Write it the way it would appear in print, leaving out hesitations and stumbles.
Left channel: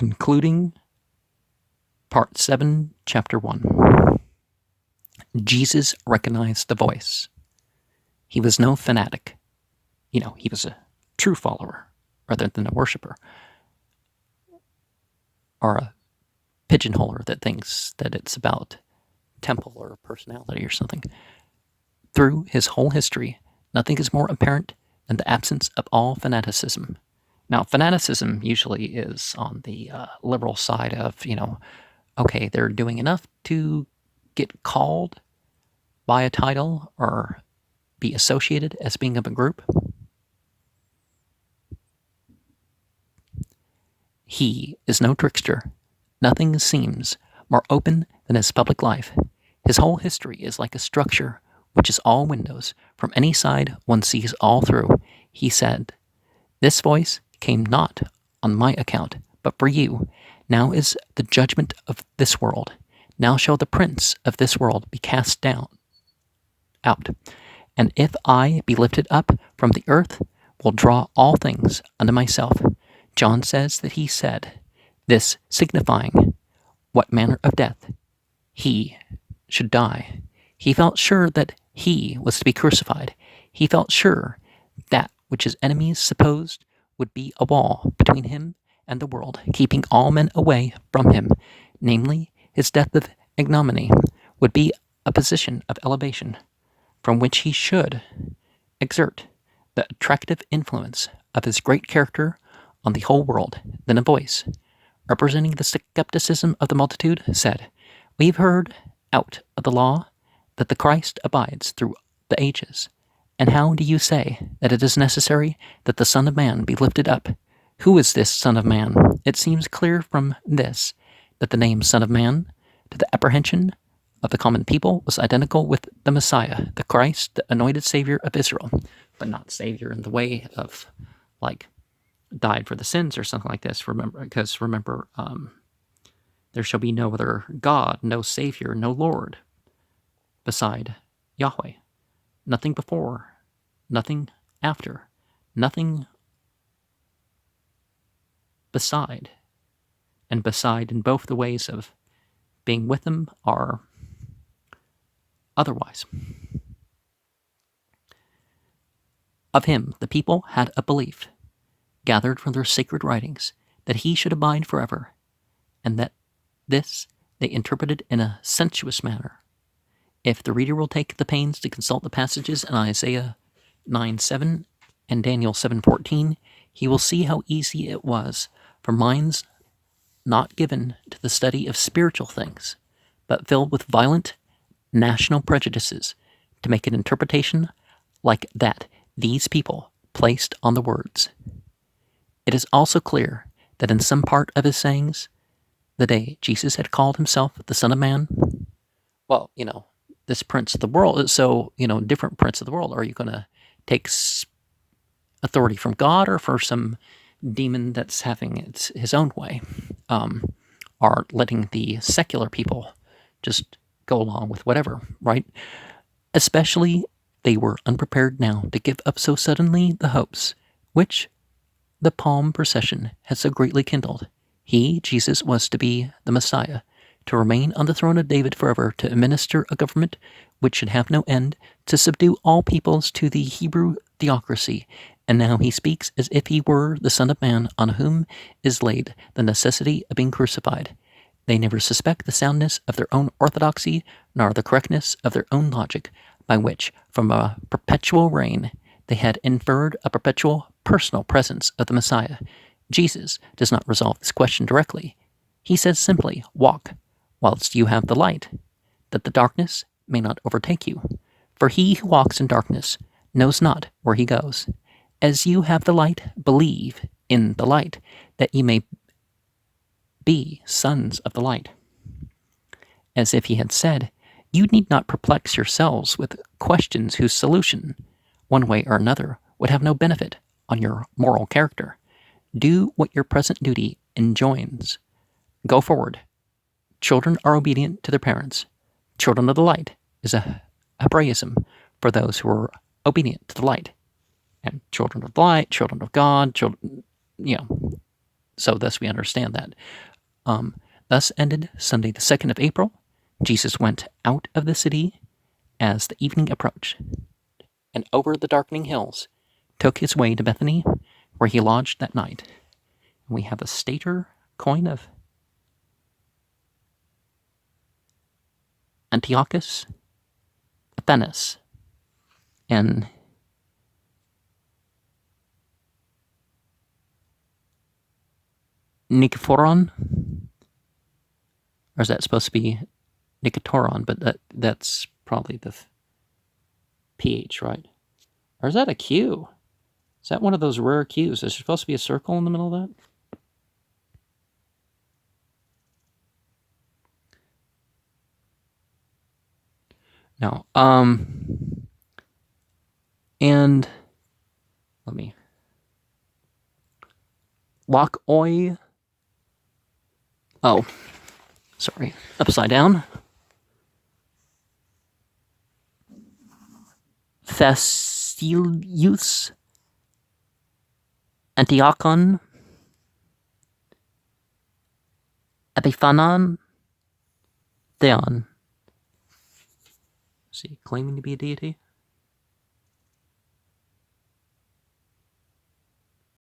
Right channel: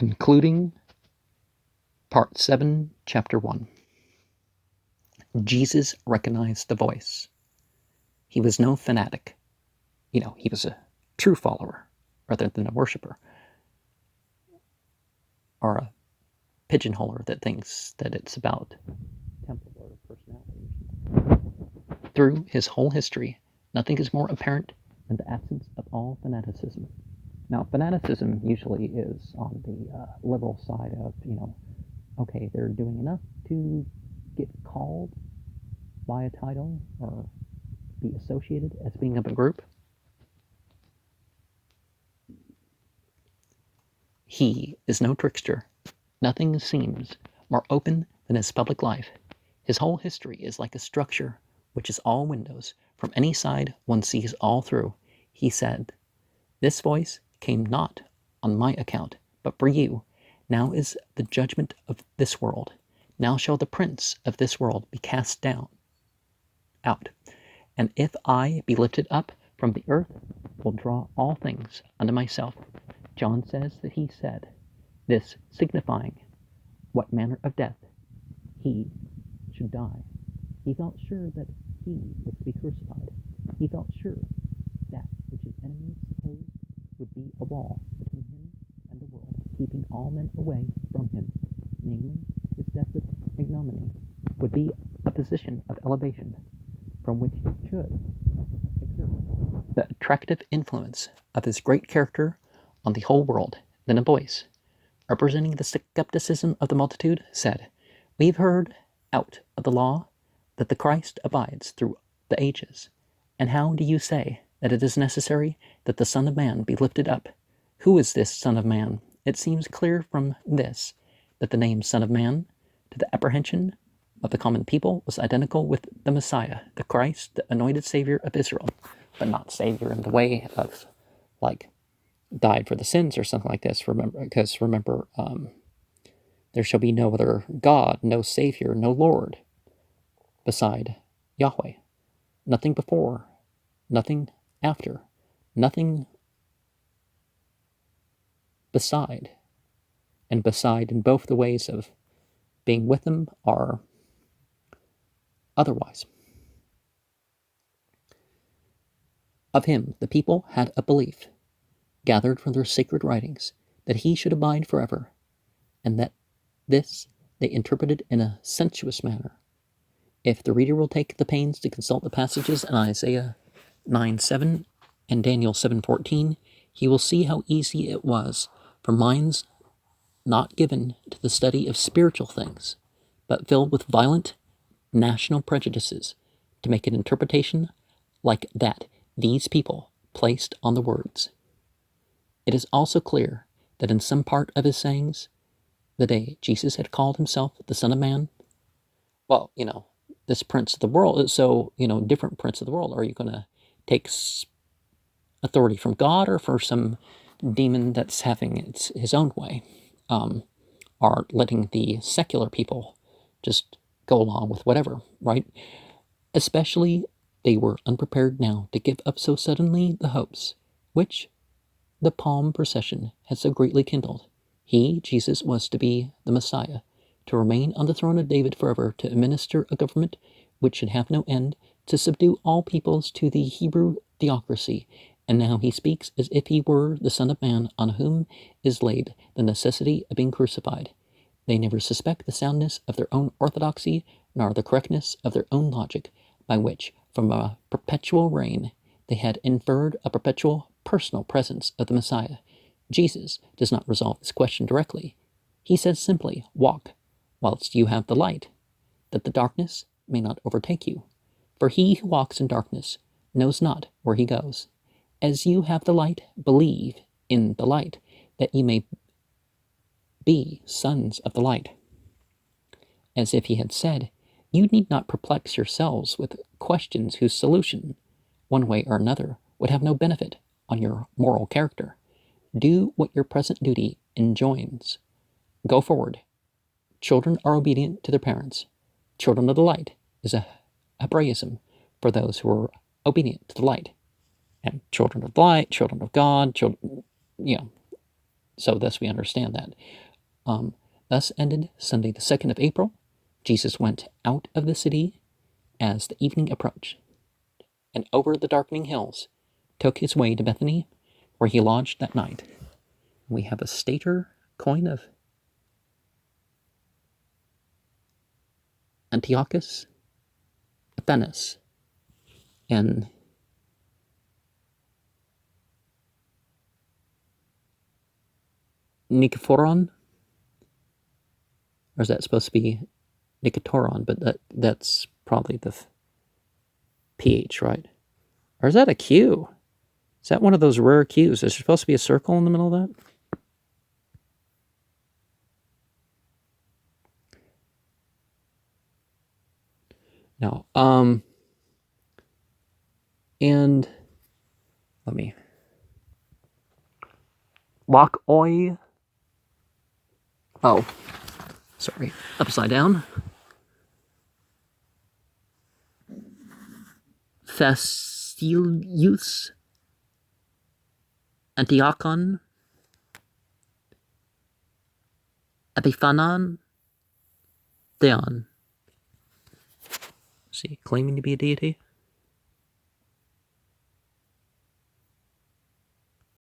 Concluding Part 7, Chapter 1. Jesus recognized the voice. He was no fanatic. He was a true follower rather than a worshiper, or a pigeonholer that thinks that it's about temple or personality or something. Through his whole history, nothing is more apparent than the absence of all fanaticism. Now, fanaticism usually is on the liberal side of, okay, they're doing enough to get called by a title or be associated as being of a group. He is no trickster. Nothing seems more open than his public life. His whole history is like a structure which is all windows. From any side one sees all through. He said, "This voice came not on my account, but for you. Now is the judgment of this world. Now shall the prince of this world be cast out. And if I be lifted up from the earth, will draw all things unto myself." John says that he said, this signifying what manner of death he should die. He felt sure that he was to be crucified. He felt sure that which his enemies supposed would be a wall between him and the world, keeping all men away from him, namely his death of ignominy, would be a position of elevation from which he should exert the attractive influence of his great character on the whole world. Then a voice, representing the skepticism of the multitude, said, "We've heard out of the law that the Christ abides through the ages. And how do you say that it is necessary that the Son of Man be lifted up? Who is this Son of Man?" It seems clear from this that the name Son of Man, to the apprehension of the common people, was identical with the Messiah, the Christ, the anointed Savior of Israel, but not Savior in the way of, died for the sins or something like this. Remember, there shall be no other God, no Savior, no Lord beside Yahweh. Nothing before, nothing after, nothing beside. And beside in both the ways of being with him are otherwise. Of him the people had a belief, gathered from their sacred writings, that he should abide forever, and that this they interpreted in a sensuous manner. If the reader will take the pains to consult the passages in Isaiah 9:7 and Daniel 7:14, he will see how easy it was for minds not given to the study of spiritual things, but filled with violent national prejudices, to make an interpretation like that these people placed on the words. It is also clear that in some part of his sayings, the day Jesus had called himself the Son of Man, this prince of the world, so, different prince of the world, are you going to take authority from God or for some demon that's having his own way, or letting the secular people just go along with whatever, right? Especially they were unprepared now to give up so suddenly the hopes which the palm procession had so greatly kindled. He, Jesus, was to be the Messiah, to remain on the throne of David forever, to administer a government which should have no end, to subdue all peoples to the Hebrew theocracy. And now he speaks as if he were the Son of Man, on whom is laid the necessity of being crucified. They never suspect the soundness of their own orthodoxy, nor the correctness of their own logic, by which, from a perpetual reign, they had inferred a perpetual personal presence of the Messiah. Jesus does not resolve this question directly. He says simply, "Walk, whilst you have the light, that the darkness may not overtake you. For he who walks in darkness knows not where he goes. As you have the light, believe in the light, that ye may be sons of the light." As if he had said, "You need not perplex yourselves with questions whose solution, one way or another, would have no benefit on your moral character. Do what your present duty enjoins. Go forward. Children are obedient to their parents. Children of the light is a Hebraism for those who are obedient to the light. And children of the light, children of God, children, So thus we understand that. Thus ended Sunday the 2nd of April. Jesus went out of the city as the evening approached, and over the darkening hills took his way to Bethany, where he lodged that night. We have a stater coin of Antiochus Epiphanes and Nikephoron, or is that supposed to be Niketoron? But that's probably the PH, right? Or is that a Q? Is that one of those rare Qs? Is there supposed to be a circle in the middle of that? No. And let me lock oi. Oh, sorry. Upside down. Thessilius Antiochon Epiphanon Theon. See, claiming to be a deity.